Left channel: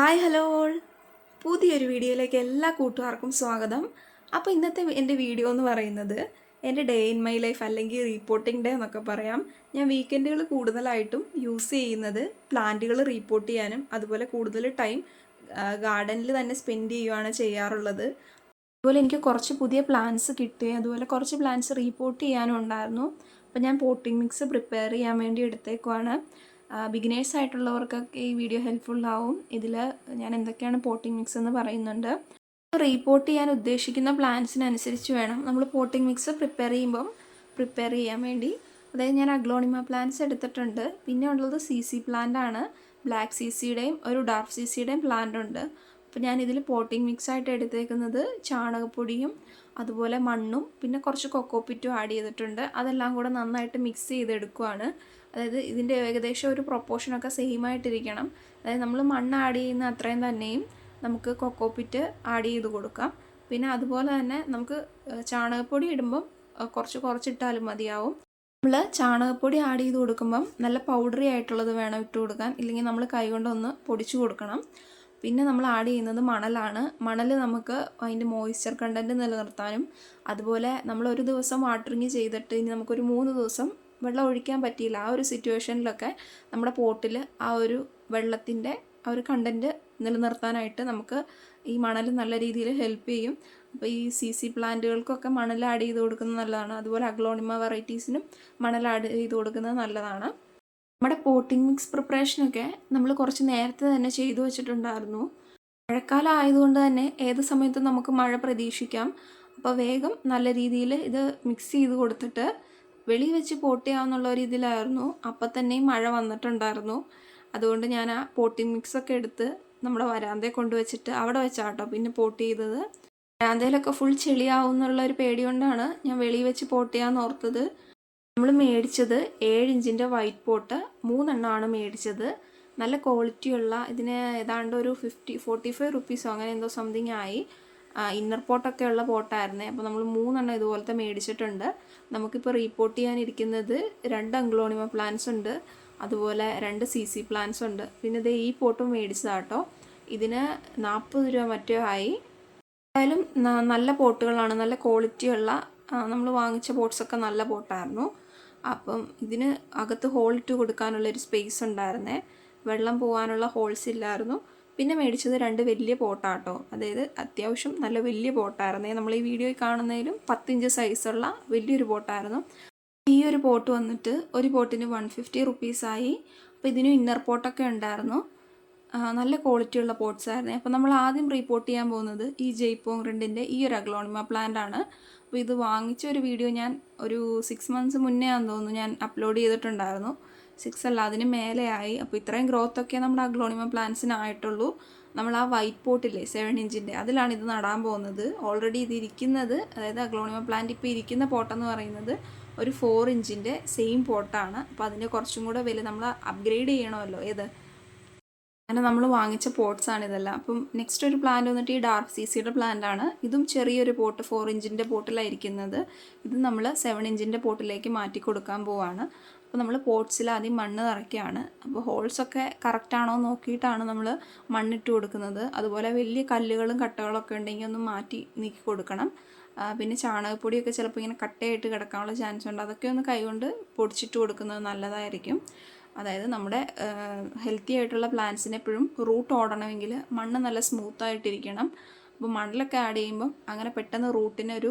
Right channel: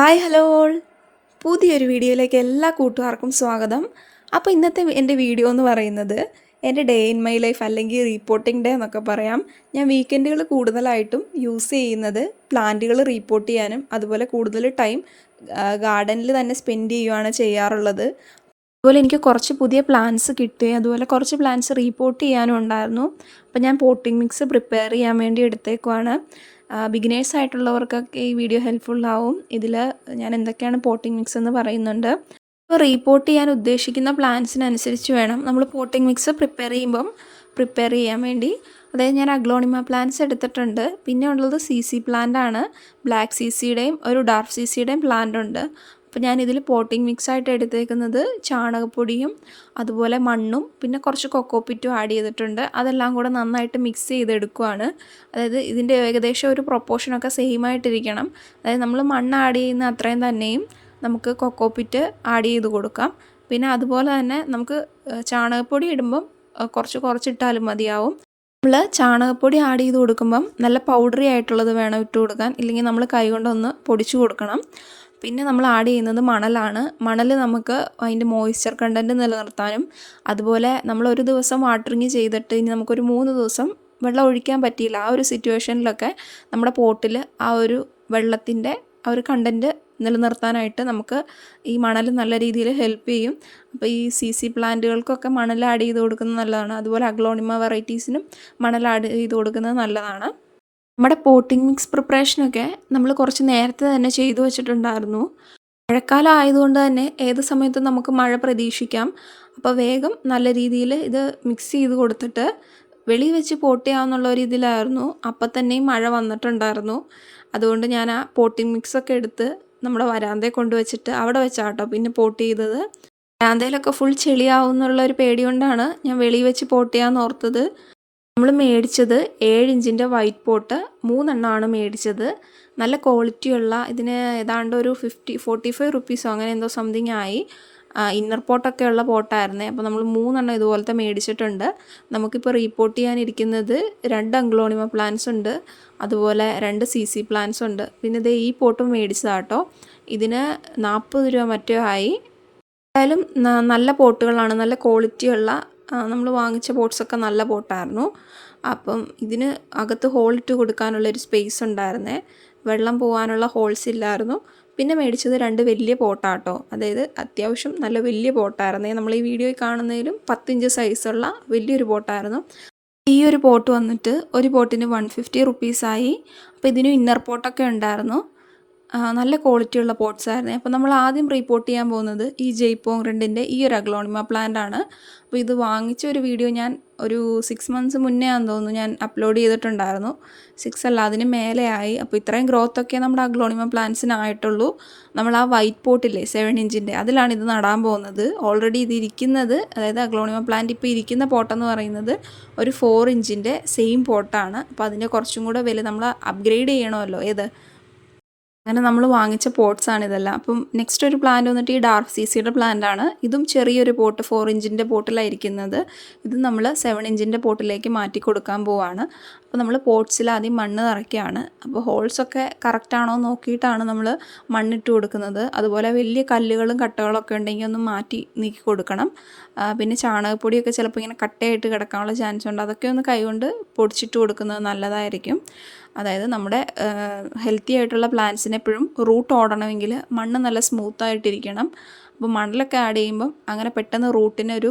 Hi hello all. പുതിയൊരു വീഡിയോയിലേക്ക് എല്ലാ കൂട്ടുകാർക്കും സ്വാഗതം. അപ്പോൾ ഇന്നത്തെ എന്റെ വീഡിയോ എന്ന് പറയുന്നത് എന്റെ ഡേ ഇൻ മൈ ലൈഫ് അല്ലെങ്കിൽ റീപ്പോർട്ടിംഗ് ഡേ എന്നൊക്കെ പറയാം. ഞാൻ വീക്കെൻഡുകൾ കൂടുതലായിട്ടും യൂസ് ചെയ്യുന്നത് പ്ലാന്റുകൾ റീപ്പോർട്ട് ചെയ്യാനും അതുപോലെ കൂടുതൽ ടൈം ഗാർഡനിൽ തന്നെ സ്പെൻഡ് ചെയ്യുകയാണ് ചെയ്യാറുള്ളത്. അതുപോലെ എനിക്ക് കുറച്ച് പുതിയ പ്ലാൻസ് കിട്ടി. അതുപോലെ കുറച്ച് പ്ലാൻസ് റീപ്പോർട്ട് ചെയ്യാനും ഉണ്ടായിരുന്നു. അപ്പോൾ ഞാൻ പോട്ടിംഗ് മിക്സ് പ്രിപ്പയർ ചെയ്യാൻ വേണ്ടി എടുത്തേക്കുവാണ്. ബിഗിനേഴ്സ് ആയിട്ടുള്ളവർക്കൊക്കെ ഈ വീഡിയോ ഹെൽപ്ഫുൾ ആവും. ഇതിൽ ഞാൻ എന്തൊക്കെയാണ് പോട്ടിംഗ് മിക്സ് എന്ന് പറയുന്നുണ്ട്. അപ്പോൾ റീപോർട്ട് ചെയ്യാൻ ഉദ്ദേശിക്കുന്ന പ്ലാൻസിനനുസരിച്ച് വേണം. നമ്മൾ പോട്ടിംഗ് മിക്സ് പ്രിപ്പയർ ചെയ്യുമ്പം പ്രിപ്പയർ ചെയ്യാൻ വേണ്ടി. അതായത് ഞാൻ അഗ്ലോണിമ പ്ലാന്റ്സ് എടുത്തിട്ടുണ്ട്. പിന്നെ ഉള്ളത് സി സി പ്ലാന്റ് ആണ്. ബ്ലാക്ക് സി സിയുടെയും ഒരു ഡാർക്ക് സി സിയുടെയും പ്ലാന്റ് ഉണ്ട്. അപ്പോൾ ഞാൻ ഇതിൽ പോട്ടിംഗ് മിക്സ് ആയിട്ട് എടുത്തേക്കുന്നത് ചാണകപ്പൊടിയും അതുപോലെ മണ്ണും പിന്നെ കുറച്ച് കൊക്കോപ്പിറ്റും ആഡ് ചെയ്തിട്ടുണ്ട്. അതെല്ലാം കൂടെ നന്നായിട്ട് മിക്സ് ചെയ്തെടുക്കുവാണ്. അതായത് ഇതിന്റെ ഏകദേശം ഒരു പ്രൊപ്പോർഷനൊക്കെ സെയിം ആയിട്ടിരിക്കണം. അതായത് നമ്മൾ മണ്ണ് ആഡ് ചെയ്യുന്ന അത്രയും തന്നെയും നമുക്ക് കൊക്കോപ്പിറ്റ് ആഡ് ചെയ്ത് കൊടുക്കാം. പിന്നെ അതുപോലെ തന്നെ നമുക്ക് ചാണകപ്പൊടി ഇടുമ്പം കുറച്ച് കുറച്ചിട്ടാലും മതിയാവും. നമ്മൾ ചാണകപ്പൊടി ആഡ് ചെയ്ത് കൊടുക്കുമ്പം നല്ല പൗഡറി ആയിട്ടുള്ളത് വേണം ഇട്ട് കൊടുക്കാൻ. ഇല്ലെങ്കിൽ നമ്മൾ കൈ കൊണ്ടൊന്ന് പൊടിച്ചു കൊടുക്കണം. പിന്നെ നമ്മൾ ആഡ് ചെയ്യുന്നത് മണലാണ്. മണൽ നമുക്ക് അതിന്റെ മോയ്സ്ചർ കണ്ടന്റ് നിലനിർത്താനും അതുപോലെ നമ്മൾ ഒരു ദിവസം വാട്ടറിങ് ചെയ്തിട്ട് ഇനി നമുക്കൊരു മൂന്ന് ദിവസം വെള്ളം ഒഴിക്കാൻ പറ്റിയില്ല. ആ ഒരു സിറ്റുവേഷനിലൊക്കെ നമ്മുടെ പോട്ടിൽ ആ ഒരു വെള്ളത്തിന്റെ ആ ഒരു കണ്ടന്റ് നിലനിർത്താനായിട്ട് നമുക്ക് ഈ മണൽ നല്ല രീതിയിൽ ഹെൽപ്പ് ചെയ്യും. അപ്പോൾ ഈ സി സി പ്ലാന്റുകൾക്കൊക്കെ മണൽ ആഡ് ചെയ്ത് കൊടുക്കുന്നത് നല്ലതാണ്. അതുപോലെ അഗ്ലോണിമ വെറൈറ്റീസിനും മണൽ ആഡ് ചെയ്ത് കൊടുക്കുന്നത് നല്ലതാണ്. നമ്മുടെ പോട്ടിംഗ് മിക്സ് പ്രിപ്പറേഷനൊക്കെ നമ്മൾ കുറച്ച് നേരത്തെ തന്നെ ചെയ്തു വെച്ചിട്ടുണ്ടായിരുന്നു. മഴക്കാലം ആയതുകൊണ്ട് തന്നെ ഏത് സമയത്തും നമുക്ക് മഴ പ്രതീക്ഷിക്കാം. അപ്പോൾ വേഗം നല്ല രീതിയിൽ ഇത് മിക്സ് ചെയ്ത് കൊടുത്തിട്ട് വെളി വെച്ച് പോട്ട് ചെയ്യാമെന്നുള്ള ഒരു ഇതിലായിരുന്നു. അപ്പം തന്നെയും മഴ വന്നിട്ടുണ്ടായിരുന്നു. അതുകൊണ്ട് ഞാൻ ആ പോട്ടിംഗ് മിക്സൊക്കെ എടുത്ത് നമ്മുടെ വരാന്തയെ കൊണ്ടുവച്ചിട്ട് അവിടെ വെച്ചാട്ടോ പിന്നെ പോട്ട് ചെയ്തത്. വരാന്തയിലൊക്കെ ഫുൾ ചെളിയാവും എന്നുള്ള ഒരു പേടി കൊണ്ടാണ് ഞാൻ വെളി വെച്ച് പോട്ട് ചെയ്യാമെന്ന് ഓർത്തത്. നമ്മൾ മേടിച്ചത് ഏഴ് ഇഞ്ചിന്റെ വൈറ്റ് പോട്ട് മൂന്നെണ്ണമാണ് മേടിച്ചത്. നല്ല ക്വാളിറ്റിയുള്ള ഇതിന് ഏതാണ്ട് ഒരു ഫിഫ്റ്റി ഫോർട്ടി ഫൈവ് റുപ്പീസോ അങ്ങനെ എന്തോ സംതിങ് ആയി. ഇന്നർ പോട്ടൊക്കെ ഉള്ള പോട്ടായിരുന്നേ അപ്പോൾ നമ്മൾ മൂന്നെണ്ണം ഇതുപോലത്തെ മേടിച്ചിട്ടുണ്ട്. നമുക്കിപ്പോൾ റീപ്പോർട്ട് ചെയ്യാനിരിക്കുന്നത് രണ്ട് അംഗ്ലോണിമ പ്ലാന്റ്സ് ഉണ്ട്. അതുപോലെ രണ്ട് സി സി പ്ലാന്റ്സ് ഉണ്ട്. പിന്നെ ഇത് ഈ പോട്ടും മേടിച്ചതാട്ടോ. ഇതിന് നാൽപ്പത് രൂപ മറ്റോ ആയി. എന്തായാലും നല്ല പോട്ടുകളാണ് നല്ല ക്വാളിറ്റിയുള്ള നമ്മൾ വാങ്ങിച്ച പോട്ട്സൊക്കെ നല്ല പോട്ടായിരുന്നു അപ്പം ഇതിന് അകത്ത് ഹോളിട്ട് കൊടുക്കാനുള്ളൊരു സ്പേസ് ഉണ്ടായിരുന്നേ. വെള്ളം പോകാനുള്ള ഹോൾസ് ഇല്ലായിരുന്നു. പിന്നെ മേടിച്ചത് രണ്ട് വലിയ പോട്ടാട്ടോ. അതായത് അത്യാവശ്യം നല്ല വലിയ പോട്ടായിരുന്നേ. നമ്മൾ ഈ വീഡിയോയിൽ കാണുന്നതിലും പത്തിഞ്ച് സൈസുള്ള വലിയൊരു പോട്ടായിരുന്നു. ഈ ഒരു പോട്ട് വന്നിട്ട് ഒരു പോട്ടിന് വൺ ഫിഫ്റ്റി റുപ്പീസായി അപ്പോൾ ഇതിന് ഇന്നർ പോട്ടൊക്കെ ഉണ്ടായിരുന്നു. നല്ല ക്വാളിറ്റിയുള്ള പോട്ട്സ് ആയിരുന്നു. അപ്പോൾ നമ്മൾ ആദ്യം റീപ്പോർട്ട് ചെയ്യാൻ പോകുന്നത് ഈ ജയ്പോങ് ഈ ഒരു അഗ്ലോണിമ പ്ലാന്റ് ആണ്. അപ്പോൾ ഇത് വാങ്ങിച്ച ഒരു വീഡിയോ ഞാൻ ഒരു സിക്സ് മന്ത്സ് മുന്നേ ആണെന്ന് തോന്നുന്നു ഞാൻ അപ്ലോഡ് ചെയ്തിട്ടുണ്ടായിരുന്നു. സിക്സ് അല്ല അതിന് മേലെയായി അപ്പോൾ ഇത്രയും ഗ്രോത്ത് ഒക്കെ നമ്മുടെ അഗ്ലോണിമ പ്ലാന്റ്സിനായിട്ടുള്ളൂ നമ്മൾ ആ വൈറ്റ് പോട്ടില്ലേ സെവൻ ഇഞ്ചിന്റെ അതിലാണ് ഇത് നടാൻ പോകുന്നത്. ഓൾറെഡി ഇത് ഇരിക്കുന്നത് അതായത് അഗ്ലോണിമ പ്ലാന്റ് ഇപ്പോൾ ഇരിക്കുന്ന പോട്ടെന്ന് പറയുന്നത് ഒരു ഫോർ ഇഞ്ചിന്റെ സെയിം പോട്ടാണ് അപ്പോൾ അതിന്റെ കുറച്ചും കൂടെ വില നമ്മൾ അപ്ഗ്രേഡ് ചെയ്യണമല്ലോ. ഏത്? അങ്ങനെ നമ്മൾ വാങ്ങിച്ച പോട്ട്സ് ആണ് ഇതെല്ലാം. അപ്പം നെക്സ്റ്റ് ഒരു പ്ലാന്റ് വന്നിട്ട് ഈ ഡാർക്ക് സി സിയുടെ പ്ലാന്റ് ആണ്. ഇതും ചെറിയൊരു പോട്ട് ഫോർ ഇഞ്ചിന്റെ പോട്ടിലായിരിക്കുന്നത് ഇത് നമ്മൾ സെവൻ ഇഞ്ചിന്റെ പോട്ടിലേക്ക് മാറ്റി കൊടുക്കാൻ പോവാണ്. അപ്പോൾ നമ്മൾ പോട്ട്സിൽ ആദ്യം മണ്ണ് നിറയ്ക്കുകയാണ്. അപ്പോൾ ഹോൾസൊക്കെ കറക്റ്റാണോ നോക്കിയിട്ടാണ് നമ്മൾ മണ്ണിട്ട് കൊടുക്കുന്നത്. അതുപോലെ വലിയ കല്ലുകളും കട്ടകളൊക്കെ ഉണ്ടെങ്കിൽ ഒന്ന് മാറ്റി നീക്കി കൊടുക്കണം. പിന്നെ ചാണകപ്പൊടിയൊക്കെ ചിലപ്പോൾ ഇങ്ങനെ കട്ടയായിട്ട് കിടക്കാനുള്ള ചാൻസ് ഉണ്ട്. അതൊക്കെ ഒന്ന് കൈകൊണ്ട് പൊടിച്ചിട്ട് കൊടുക്കുന്നത് നല്ലതായിരിക്കും. അതായത് നമ്മുടെ ഹെൽത്തി ആയിട്ടുള്ള പ്ലാന്റ്സിന് എപ്പോഴും റൂട്ട് ഓടണമെങ്കിൽ മണ്ണ് നല്ല സ്മൂത്തായിട്ടിരിക്കണം അപ്പോൾ മണ്ണിലൊക്കെ ആഡ് ചെയ്യുമ്പം അങ്ങനെ പെട്ടെന്ന് റൂട്ടിന് റൂട്ടിനൊരു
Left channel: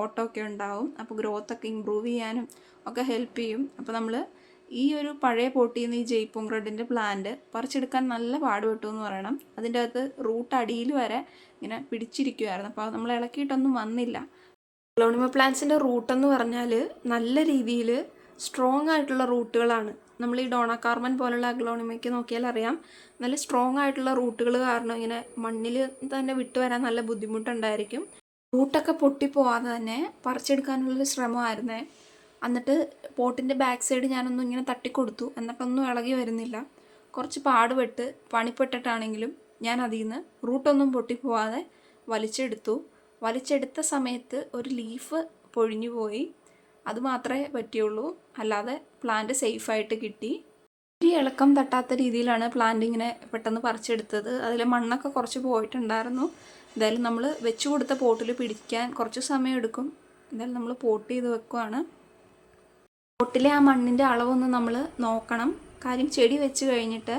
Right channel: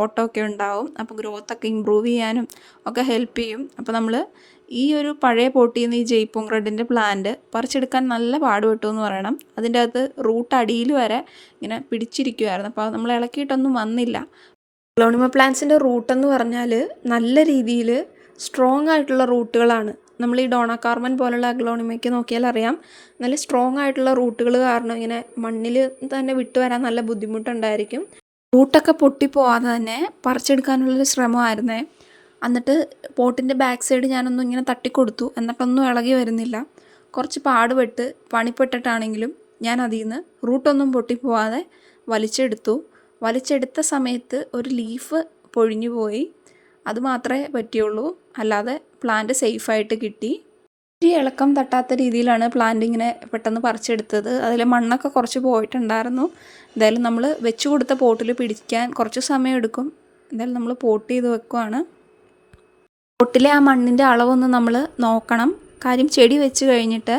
ഓട്ടമൊക്കെ ഉണ്ടാവും. അപ്പോൾ ഗ്രോത്തൊക്കെ ഇമ്പ്രൂവ് ചെയ്യാനും ഒക്കെ ഹെൽപ്പ് ചെയ്യും. അപ്പോൾ നമ്മൾ ഈ ഒരു പഴയ പോട്ടിയിൽ നിന്ന് ഈ ജയ്പോങ് റെഡിന്റെ പ്ലാന്റ് പറിച്ചെടുക്കാൻ നല്ല പാടുപെട്ടു എന്ന് പറയണം. അതിന്റെ അകത്ത് റൂട്ട് അടിയിൽ വരെ ഇങ്ങനെ പിടിച്ചിരിക്കുമായിരുന്നു അപ്പോൾ നമ്മൾ ഇളക്കിയിട്ടൊന്നും വന്നില്ല. ഗ്ലോണിമ പ്ലാന്റ്സിന്റെ റൂട്ടെന്ന് പറഞ്ഞാൽ നല്ല രീതിയിൽ സ്ട്രോങ് ആയിട്ടുള്ള റൂട്ടുകളാണ് നമ്മൾ ഈ ഡോണ കാർമൻ പോലുള്ള അഗ്ലോണിമയ്ക്ക് നോക്കിയാൽ അറിയാം. നല്ല സ്ട്രോങ് ആയിട്ടുള്ള റൂട്ടുകൾ കാരണം ഇങ്ങനെ മണ്ണിൽ തന്നെ വിട്ടു വരാൻ നല്ല ബുദ്ധിമുട്ടുണ്ടായിരിക്കും. റൂട്ടൊക്കെ പൊട്ടിപ്പോവാതെ തന്നെ പറിച്ചെടുക്കാനുള്ളൊരു ശ്രമമായിരുന്നേ. എന്നിട്ട് പോട്ടിന്റെ ബാക്ക് സൈഡ് ഞാനൊന്നും ഇങ്ങനെ തട്ടിക്കൊടുത്തു. എന്നിട്ടൊന്നും ഇളകി വരുന്നില്ല. കുറച്ച് പാടുപെട്ട് പണിപ്പെട്ടിട്ടാണെങ്കിലും ഞാൻ അതിൽ നിന്ന് റൂട്ടൊന്നും പൊട്ടിപ്പോവാതെ വലിച്ചെടുത്തു. വലിച്ചെടുത്ത സമയത്ത് ഒരു ലീഫ് പൊഴിഞ്ഞു പോയി. അത് മാത്രമേ പറ്റിയുള്ളൂ. അല്ലാതെ പ്ലാന്റ് സേഫായിട്ട് കിട്ടി. ഒരു ഇളക്കം തട്ടാത്ത രീതിയിലാണ് പ്ലാന്റ് ഇങ്ങനെ പെട്ടെന്ന് പറിച്ചെടുത്തത്. അതിൽ മണ്ണൊക്കെ കുറച്ച് പോയിട്ടുണ്ടായിരുന്നു. എന്തായാലും നമ്മൾ വെച്ച് കൊടുത്ത പോട്ടിൽ പിടിക്കാൻ കുറച്ച് സമയം എടുക്കും. എന്തായാലും നമ്മൾ പോട്ട് ചെയ്ത് വെക്കുവാണ്. പോട്ടിലെ ആ മണ്ണിന്റെ അളവൊന്ന് നമ്മൾ നോക്കണം. കാര്യം ചെടി വെച്ച് കഴിഞ്ഞിട്ട്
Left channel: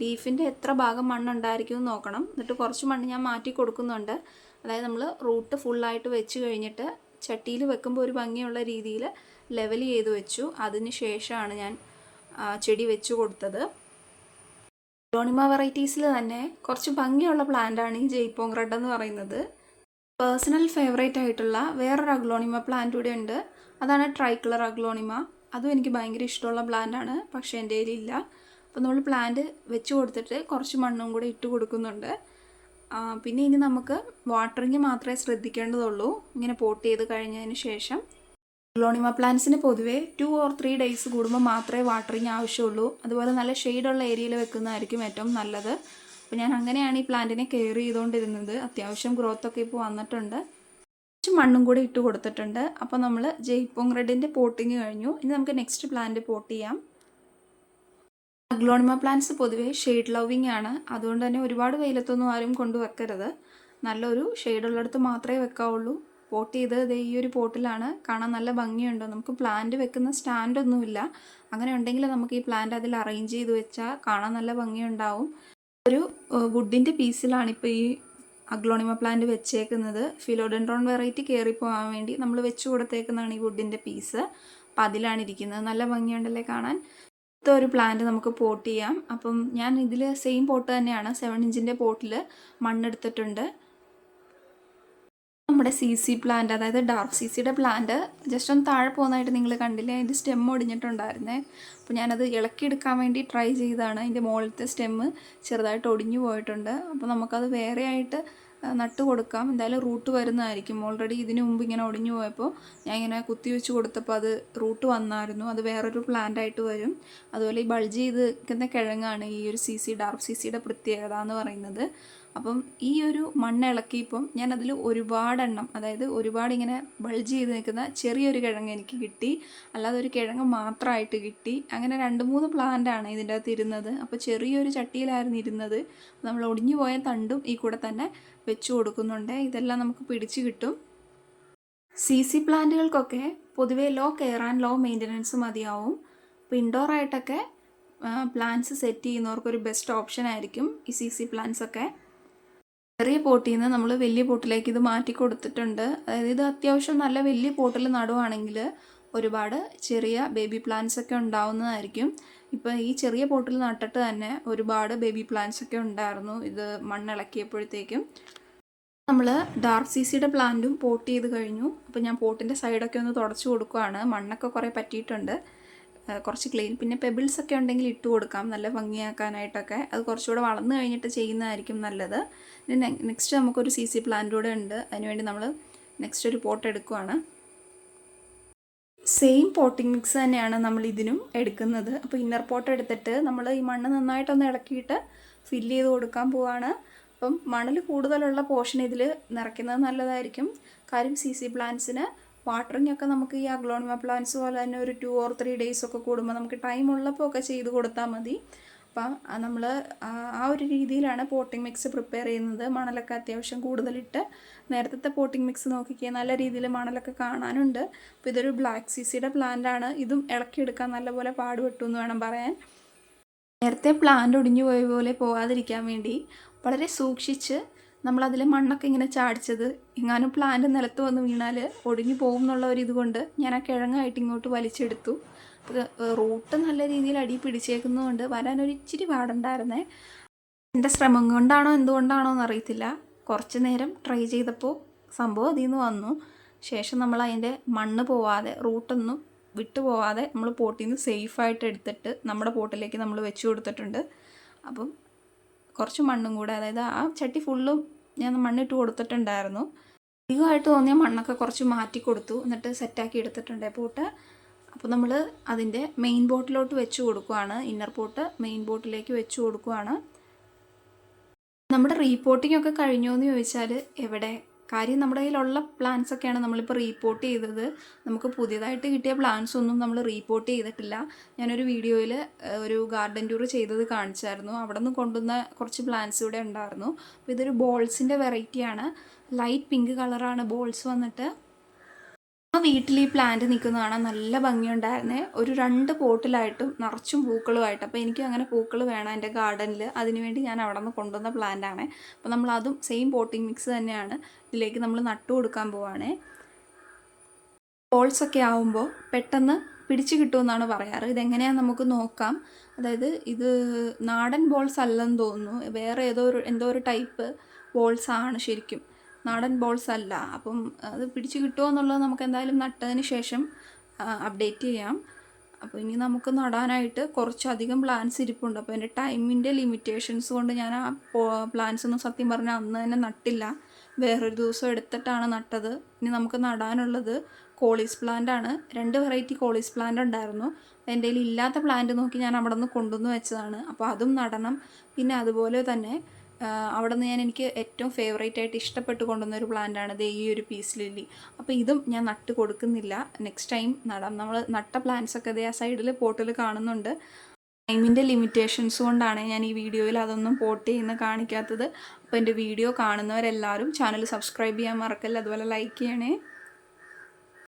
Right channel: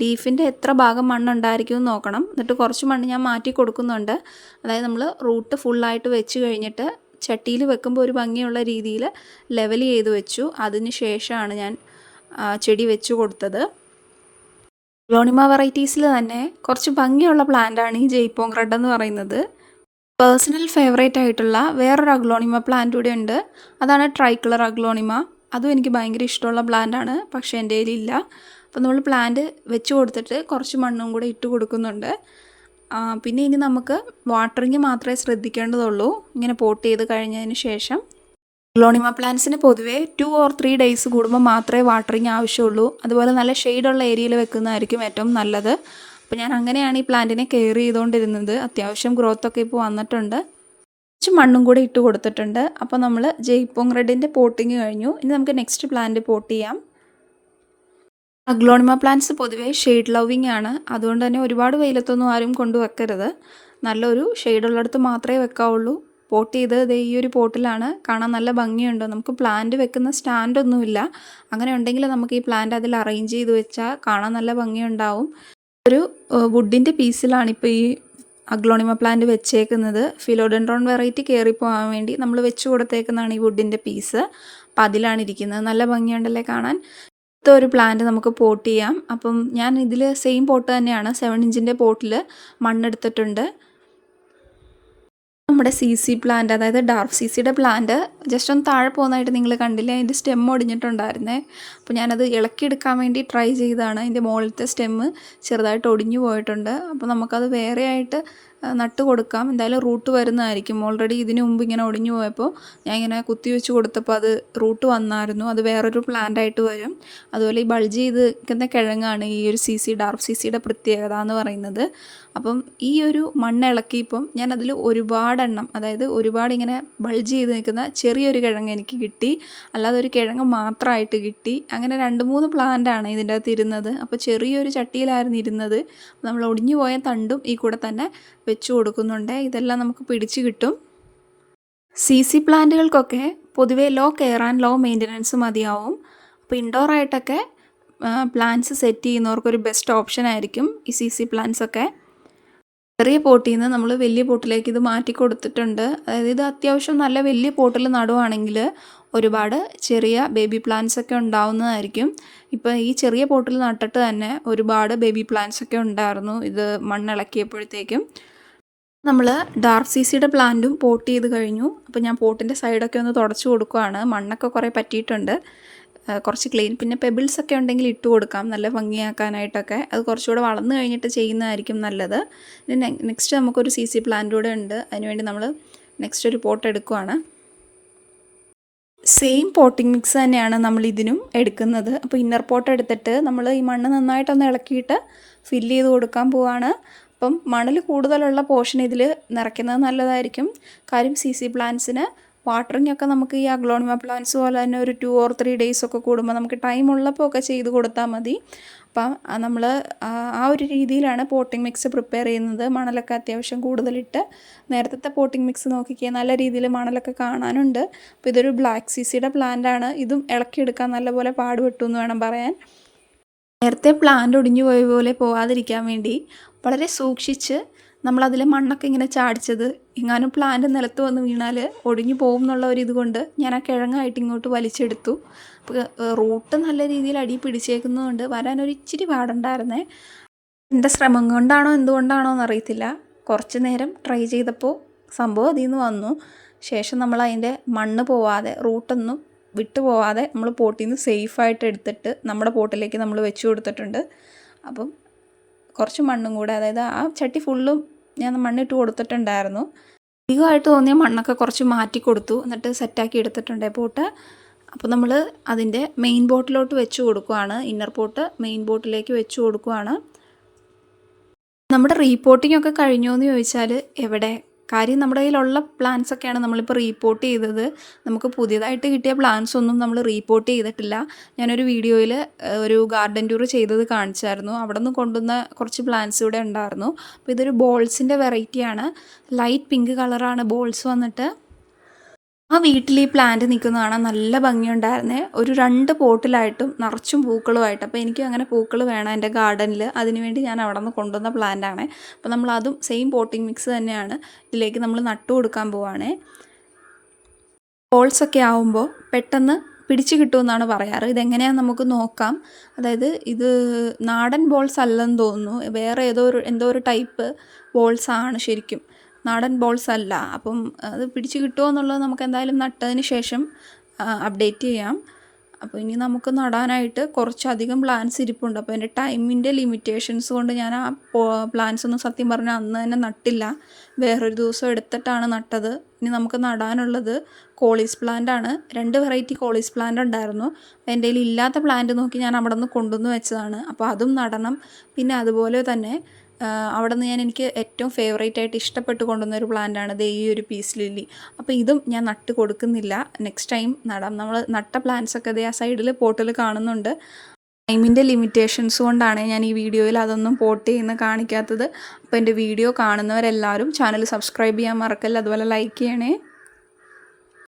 ലീഫിന്റെ എത്ര ഭാഗം മണ്ണുണ്ടായിരിക്കും എന്ന് നോക്കണം. എന്നിട്ട് കുറച്ച് മണ്ണ് ഞാൻ മാറ്റി കൊടുക്കുന്നുണ്ട്. അതായത് നമ്മൾ റൂട്ട് ഫുള്ളായിട്ട് വെച്ച് കഴിഞ്ഞിട്ട് ചട്ടിയിൽ വെക്കുമ്പോൾ ഒരു ഭംഗിയുള്ള രീതിയിൽ ലെവൽ ചെയ്ത് വെച്ചു. അതിന് ശേഷമാണ് ഞാൻ ചെടി വെച്ചു കൊടുത്തത്. ഗ്ലോണിമ വെറൈറ്റീസിൽ തന്നെ കുറച്ച് ഭംഗിയുള്ള പ്ലാന്റ് ആണ് ഈ ജയ്പോങ് റെഡ് എന്ന് പറയുന്നത്. പേഴ്സണൽ ഫേവറേറ്റ് ആയിട്ടുള്ള വേറൊരു അഗ്ലോണിമ പ്ലാന്റ് കൂടെ ഉണ്ട്. അതാണ് ട്രൈ കളർ അഗ്ലോണിമ അതും എനിക്ക് ഭയങ്കര ഇഷ്ടമുള്ള പ്ലാന്റാണ് പക്ഷേ എന്റെ കയ്യിലില്ല അപ്പോൾ നമ്മൾ പ്ലാന്റ് വെച്ച് കൊടുത്തിട്ട് കുറച്ച് മണ്ണും കൂടെ ഇട്ട് കൊടുക്കുന്നുണ്ട്. പിന്നെ ഇനി നമുക്ക് വാട്ടറിങ് മാത്രമേ ശ്രദ്ധിക്കേണ്ടതുള്ളൂ. ഇങ്ങനെ പോട്ട് ചെയ്ത് കഴിഞ്ഞതിന് ശേഷം ഗ്ലോണിമ പ്ലാന്റ്സിന് പൊതുവേ ടു ഓർ ത്രീ ഡേയ്സ് കൂടുമ്പോൾ മാത്രമേ വാട്ടറിങ് ആവശ്യമുള്ളൂ. അതുപോലെ നല്ല ഷെയ്ഡുള്ള ഏരിയയിൽ വെക്കുന്നതായിരിക്കും ഏറ്റവും നല്ലത്. അപ്പോൾ ഞാൻ അങ്ങനെയാണ് ഈ പ്ലാന്റിനെ കെയർ ചെയ്തുകൊണ്ടിരുന്നത്. അത്യാവശ്യം ഗ്രോത്തൊക്കെ ഇപ്പോൾ വന്നിട്ടുണ്ട്. കുറച്ച് മണ്ണും കൂടി ഇട്ട് കൊടുത്തിട്ടുണ്ട്. അപ്പോൾ നമ്മൾ ജയ്പോങ് റെഡിന്റെ പോട്ടിങ് കഴിഞ്ഞു. ഇനി നമുക്ക് നെക്സ്റ്റ് പ്ലാന്റ് പോട്ട് ചെയ്യാം. അഗ്ലോണിമ പ്ലാന്റ്സ് പൊതുവേ ഷെയ്ഡ് ലവിങ് ആണ്. അതുകൊണ്ട് തന്നെ ഒരുപാട് വെയിലത്തൊന്നും ആരും കൊണ്ടുവെക്കരുത്. നല്ലൊരു ഷെയ്ഡുള്ളിടത്ത് മാത്രമേ വെക്കാവുള്ളൂ. പോട്ട് ചെയ്ത് ദേ ഈ ഒരു പോട്ടിലാണ്. കാണാൻ നല്ല ഭംഗിയുണ്ട്. നമുക്ക് പ്ലാന്റ് വെക്കുന്ന സ്റ്റാൻഡൊന്നുമില്ല അങ്ങനെ ഉണ്ടെങ്കിൽ നമുക്ക് ഈ പ്ലാന്റ് അതിൽ അറേഞ്ച് ചെയ്ത് വെച്ചാൽ കാണാൻ നല്ല ഭംഗിയുണ്ടാവും. ഒരു വുഡിന്റെ പീസിലാണ് ഇപ്പോൾ ഈ അഗ്ലോണിമ പ്ലാന്റ് വെച്ചേക്കുന്നത്. ഫിലോഡൻഡ്രോൺ വെറൈറ്റി കയറിപ്പോകാൻ വേണ്ടി നമ്മൾ വെച്ച് കൊടുത്തേക്കുന്നതാണ് ഈ വുഡിന്റെ പീസ്. അപ്പം അതിലാണ് ഇരിക്കുന്നത്. നല്ല ഭംഗിയുണ്ടല്ലേ കാണാൻ? ഇത്ത ഒരു പ്ലാന്റ് നമുക്ക് പോട്ട് ചെയ്യാം. അപ്പം ഞാൻ ഇതിൽ സെയിം പോട്ട് തന്നെയാണ്. സെവൻ ഇഞ്ചിന്റെ പോട്ടിൽ മണ്ണെടുത്തിട്ടുണ്ട്. നമ്മുടെ സി സി പ്ലാന്റ് അതായത് ഡാർഫ് സി സിയുടെ പ്ലാന്റ് ജസ്റ്റ് ഒന്ന് താഴെ പോകുന്നതായിട്ട് നിങ്ങൾ കണ്ടില്ലേ? അതിന്റെ സ്റ്റെം ഒടിഞ്ഞിട്ടുണ്ടായിരുന്നേ. അപ്പോൾ ഞാനത് ഇളക്കിയെടുക്കാൻ വേണ്ടി ട്രൈ ചെയ്താണ് അതിന്റെ മുകളിലത്തെ സ്റ്റെമ്മ് ചെറുതായിട്ട് ഒടിഞ്ഞു പോയിട്ടുണ്ട്. അപ്പോൾ നമുക്കത് വേറെ ആയിട്ട് നട്ട് കൊടുക്കാം. എന്തായാലും റൂട്ട് വരുന്നതായിരിക്കും. ഓൾറെഡി ഇതിനു മുമ്പ് ഇങ്ങനെ ഒടിഞ്ഞു പോയപ്പോൾ ഞാൻ ഇങ്ങനെ കുത്തി വെച്ച് കൊടുത്തപ്പോൾ അത് റൂട്ട് വന്നായിരുന്നു. അത് വേറൊരു പ്ലാന്റ് ആയിട്ട് വരും. അതുപോലെ ഈ ബൾജ് ചെയ്ത് കിഴങ്ങാണ് ഈ ഒരു സി സി ഡാർഫ് സി സിയുടെ പ്രത്യേകത എന്ന് പറയുന്നത്. അപ്പം ഈ ഒരു മണ്ണ് ഇളക്കിയപ്പം ഞാൻ അതിൽ ഒരുപാടെണ്ണം അതായത് ഒരുപാട് ഇങ്ങനെ ബൾജ് ചെയ്ത് നിൽക്കുന്ന ചെറിയൊരു കിഴങ്ങ് എനിക്ക് കിട്ടി. അല്ലാതെ ഒരു കിഴങ്ങ് മാത്രമായിട്ട് കിട്ടി. അങ്ങനെ രണ്ട് മൂന്ന് പ്ലാന്റ് ആണ് ഇതിന്റെ അകത്ത് ഇരുന്നത്. അപ്പോൾ ചെറിയൊരു ചട്ടിയിലായിരുന്നു ഇരുന്നത്. നമ്മൾ ഒടിഞ്ഞു പോയ തണ്ടും ഈ കൂടെ തന്നെ വെച്ച് കൊടുക്കുന്നുണ്ട്. ഇതെല്ലാം നമുക്ക് പിടിച്ച് കിട്ടും. സി സി പ്ലാന്റുകൾക്കൊക്കെ പൊതുവേ low care and low maintenance മതിയാവും. അപ്പോൾ ഇൻഡോർ ആയിട്ടൊക്കെ പ്ലാന്റ്സ് സെറ്റ് ചെയ്യുന്നവർക്കൊരു ബെസ്റ്റ് ഓപ്ഷൻ ആയിരിക്കും ഈ സി സി പ്ലാന്റ്സ് ഒക്കെ. ചെറിയ പോട്ടിൽ നിന്ന് നമ്മൾ വലിയ പോട്ടിലേക്ക് ഇത് മാറ്റി കൊടുത്തിട്ടുണ്ട്. അതായത് ഇത് അത്യാവശ്യം നല്ല വലിയ പോട്ടിൽ നടുവാണെങ്കിൽ ഒരുപാട് ചെറിയ ബേബി പ്ലാന്റ്സ് ഒക്കെ ഉണ്ടാവുന്നതായിരിക്കും. ഇപ്പോൾ ഈ ചെറിയ പോട്ടിൽ നട്ടിട്ട് തന്നെ ഒരുപാട് ബേബി പ്ലാന്റ്സ് ഒക്കെ ഉണ്ടായിരുന്നു ഇത് മണ്ണിളക്കിയപ്പോഴത്തേക്കും. നമ്മൾ ഡാർക്ക് സി സിയുടെ പ്ലാന്റും പോട്ട് ചെയ്ത് കഴിഞ്ഞു. അപ്പോൾ ഞാൻ പോട്ടിന്റെ സൈഡൊക്കെ ഒന്ന് തുടച്ചു കൊടുക്കുവാണ്. മണ്ണൊക്കെ കുറേ പറ്റിയിട്ടുണ്ട്. കുറച്ച് ക്ലീൻ പിന്നെ പെബിൾസ് ഒക്കെ ഉണ്ടെങ്കിൽ ഇട്ട് കൊടുക്കാം. നല്ല ഭംഗിയാക്കാനായിട്ടൊക്കെ. അത് കുറച്ചുകൂടെ വളർന്നു കഴിഞ്ഞിട്ട് ചെയ്യുന്നതായിരിക്കും നല്ലത്. പിന്നെ നെക്സ്റ്റ് നമുക്കൊരു സി സി പ്ലാന്റ് കൂടെ ഉണ്ട്. അതിനുവേണ്ടി നമ്മൾ നെക്സ്റ്റ് ഒരു പോട്ട് എടുക്കുവാണ്. സെയിം പോട്ടിംഗ് മിക്സ് തന്നെയാണ് നമ്മൾ ഇതിനും എടുക്കുന്നത്. അപ്പോൾ ഇന്നർ പോട്ട് എടുത്തിട്ട് നമ്മൾ ഈ മണ്ണ് നന്നായിട്ടൊന്ന് ഇളക്കിയിട്ട് ഫില്ല് ചെയ്ത് കൊടുക്കാൻ പോവാണ്. അപ്പം മണൽ കൂടുതലുള്ള പോർഷൻ ഇതിൽ നിറയ്ക്കുന്നത് നല്ലതായിരിക്കും. കാര്യം സി സി പ്ലാന്റ്സിന് വാട്ടറിങ് ഒക്കെ നമുക്ക് ഈ അഗ്ലോണിമ പ്ലാന്റ്സ് പോലെ തന്നെ ഒരു ടു ഓർ ത്രീ ഡേയ്സ് ഒക്കെ കൂടുമ്പോൾ നമുക്ക് ടൈം ഉള്ളപ്പോൾ ഒക്കെ ചെയ്ത് കൊടുത്താൽ മതി. അപ്പം നമ്മൾ ആ ഒരു രീതിയിലാണ് പോട്ടിംഗ് മിക്സ് പ്രിപ്പയർ ചെയ്യുന്നത്. മണലൊക്കെ അത്യാവശ്യം കൂടുതലിട്ട് നേരത്തെ പോട്ടിംഗ് മിക്സ് നോക്കിക്കുക നല്ല രീതിയിൽ മണലൊക്കെ കാണാനുണ്ട്. അപ്പോൾ ഇതൊരു ബ്ലാക്ക് സിസിയുടെ ആണ്. ഇതും ഇളക്കിയെടുക്കാൻ നല്ലപോലെ പാടുപെട്ടു എന്ന് വേണം പറയാൻ. നേരത്തെ പ്ലാന്റ് ഒടിഞ്ഞു പോയ പോലെ പോവാതിരിക്കാൻ വേണ്ടി വളരെ സൂക്ഷിച്ച് നമ്മളതിൽ മണ്ണൊക്കെ ഇങ്ങനെ ചാടിച്ചത്. എങ്ങാനും പ്ലാന്റ് നിലത്ത് വന്ന് വീണാൽ ഒടിഞ്ഞു പോകും എന്നുള്ള ഒരു ഇതുകൊണ്ട് ഞാൻ ആ കിഴങ്ങായിട്ട് ഇങ്ങോട്ട് വലിച്ചെടുത്തു. അപ്പോൾ റൂട്ട് നല്ല രീതിയിൽ അടി പിടിച്ചേക്കുന്നതുകൊണ്ട് വരാനൊരു ഇച്ചിരി പാടുണ്ടായിരുന്നേ. എന്റെ ശ്രമം കൊണ്ടാണോ എന്തുകൊണ്ടാണോ എന്നറിയത്തില്ല. കുറച്ച് നേരം ട്രൈ ചെയ്തപ്പോൾ സംഭവം അതിൽ നിന്ന് വന്നു. ശേഷം നമ്മൾ അതിന്റെ മണ്ണ് പോവാതെ റൂട്ടൊന്നും വിട്ടു പോവാതെ നമ്മൾ പോട്ടിൽ നിന്ന് സേഫായിട്ട് എടുത്തിട്ട് നമ്മുടെ പോട്ടിലേക്ക് നമ്മൾ വെച്ച് കൊടുത്തിട്ടുണ്ട്. അപ്പം കുറച്ച് മണ്ണും കൂടെ അതായത് ആ ചട്ടി ഫുള്ളും ഞാൻ മണ്ണിട്ട് കൊടുത്തിട്ടുണ്ടായിരുന്നു. അധികമായിട്ട് തോന്നിയ മണ്ണൊക്കെ കുറച്ച് മാറ്റി കൊടുത്തു. എന്നിട്ട് സെറ്റാക്കി എടുത്തിട്ടുണ്ട് പോട്ട്. അപ്പോൾ നമ്മൾ അതിന്റെ മെയിൻ ബോട്ടിലോട്ട് വെച്ച് കൊടുക്കുവാണ്. ഇന്നർ പോട്ട് മെയിൻ ബോട്ടിലേക്ക് വെച്ച് കൊടുക്കുവാണ്. നമ്മുടെ റീപോർട്ടിംഗ് ഒക്കെ കഴിഞ്ഞോ എന്ന് ചോദിച്ചാൽ എവിടെ? കാര്യം നമ്മുടെ കയ്യിലുള്ള പ്ലാൻസ് ഒക്കെയാണ് നമ്മളിപ്പോൾ റീപ്പോർട്ട് ചെയ്തത്. നമുക്ക് പുതിയതായിട്ട് കിട്ടിയ പ്ലാൻസ് ഒന്നും നമ്മൾ റീപ്പോർട്ട് ചെയ്തിട്ടില്ല. ഞാനൊരു വീഡിയോയിൽ ഒരു ഗാർഡൻ ടൂർ ചെയ്തത് കാണിച്ചായിരുന്നു. അവിടെ നിന്ന് കൊണ്ടുവന്ന കുറച്ച് പ്ലാൻസ് ഇവിടെ ഉണ്ടായിരുന്നു. അപ്പോൾ ഇതൊരു ബോൾസിന്റെ വെറൈറ്റിയാണ് ലൈറ്റ് പിങ്ക് കളറാണ് ബോൾസ് വന്നിട്ട്. ആ വീട്ടിൽ ഈ പ്ലാന്റ് നിൽക്കുന്ന കാണാൻ നല്ല ഭംഗിയുണ്ടായിരുന്നേ. ഒരു രണ്ട് പോട്ടിലായിട്ടും നിറച്ചും പൂക്കളുമായിട്ട്. അപ്പോൾ എനിക്കും അങ്ങനെ പൂക്കൾ വേണം എന്റെ ഗാർഡനിൽ അതിനുവേണ്ടി ഞാൻ അവിടെ നിന്ന് കൊണ്ടുവന്ന പ്ലാന്റാണ് അപ്പോൾ നമ്മൾ അതും സെയിം പോട്ടിംഗ് മിക്സ് തന്നെയാണ്. ഇതിലേക്ക് നമ്മൾ നട്ടു കൊടുക്കാൻ ബോൾസ് ഒക്കെ ആവുമ്പോൾ പെട്ടെന്ന് പിടിച്ചു കിട്ടുമെന്നാണ് പറയാറ്. ഇതെങ്ങനെയാണെന്ന് നമുക്ക് നോക്കാം. അതായത് ഇത് നാടൻ ബോൾസ് അല്ലെന്ന് തോന്നുന്നു. വേറെ ഏതോ ഒരു എന്തോ ഒരു ടൈപ്പ് ബോൾസ് ആണ് ശരിക്കും. നാടൻ ബോൾസ് അല്ല. അപ്പം അത് പിടിച്ച് കിട്ടുമോ എന്നുള്ളത് നമുക്ക് എന്തായാലും നട്ടതിന് ശേഷം അപ്ഡേറ്റ് ചെയ്യാം. അപ്പോൾ ഇനി നമുക്ക് നടാനായിട്ട് കുറച്ചധികം പ്ലാൻസ് ഇരിപ്പുണ്ട്. അപ്പോൾ എന്റെ ടൈമിന്റെ ലിമിറ്റേഷൻസ് കൊണ്ട് ഞാൻ ആ പ്ലാൻസ് ഒന്നും സത്യം പറഞ്ഞാൽ അന്ന് തന്നെ നട്ടില്ല. വേറൊരു ദിവസം എടുത്തിട്ടാണ് നട്ടത്. ഇനി നമുക്ക് നടാനുള്ളത് കോളീസ് പ്ലാന്റ് ആണ്. രണ്ട് വെറൈറ്റി കോളീസ് പ്ലാന്റ് ഉണ്ടായിരുന്നു. എന്റെ കയ്യിൽ ഇല്ലാത്ത പ്ലാന്റ് നോക്കി ഞാൻ അവിടെ നിന്ന് കൊണ്ടുവന്ന് വെച്ചതാണ്. അപ്പോൾ അതും നടണം. പിന്നെ അതുപോലെ തന്നെ അവിടെ നിന്ന് ഞാൻ എനിക്ക് ഏറ്റവും ഫേവറേറ്റ് ആയിട്ട് ഇഷ്ടപ്പെട്ട് കൊണ്ടുവന്ന ഒരു പ്ലാന്റ് ആണ് ദേ ഈ ഒരു പീസ് ലില്ലി അപ്പോൾ ഇതും ഞാൻ നട്ട് കൊടുക്കുന്നില്ല. നെക്സ്റ്റ് ടൈം നടാം. നമ്മൾ നട്ട പ്ലാന്റ്സ് ഒക്കെ ദേ ആ സൈഡിൽ പോട്ടിൽ കാണുന്നുണ്ട്. ടൈമിന്റെ ലിമിറ്റേഷൻസ് കൊണ്ടാണ് ഞാൻ ഈ വീഡിയോയിൽ അതൊന്നും പോട്ട് ചെയ്യുന്ന കാണിക്കാത്തത്. അപ്പോൾ എന്റെ വീഡിയോ കാണുന്നവരെല്ലാവരും ചാനൽ സബ്സ്ക്രൈബ് ചെയ്യാൻ മറക്കല്ല. അതുപോലെ ലൈക്ക് ചെയ്യണേ.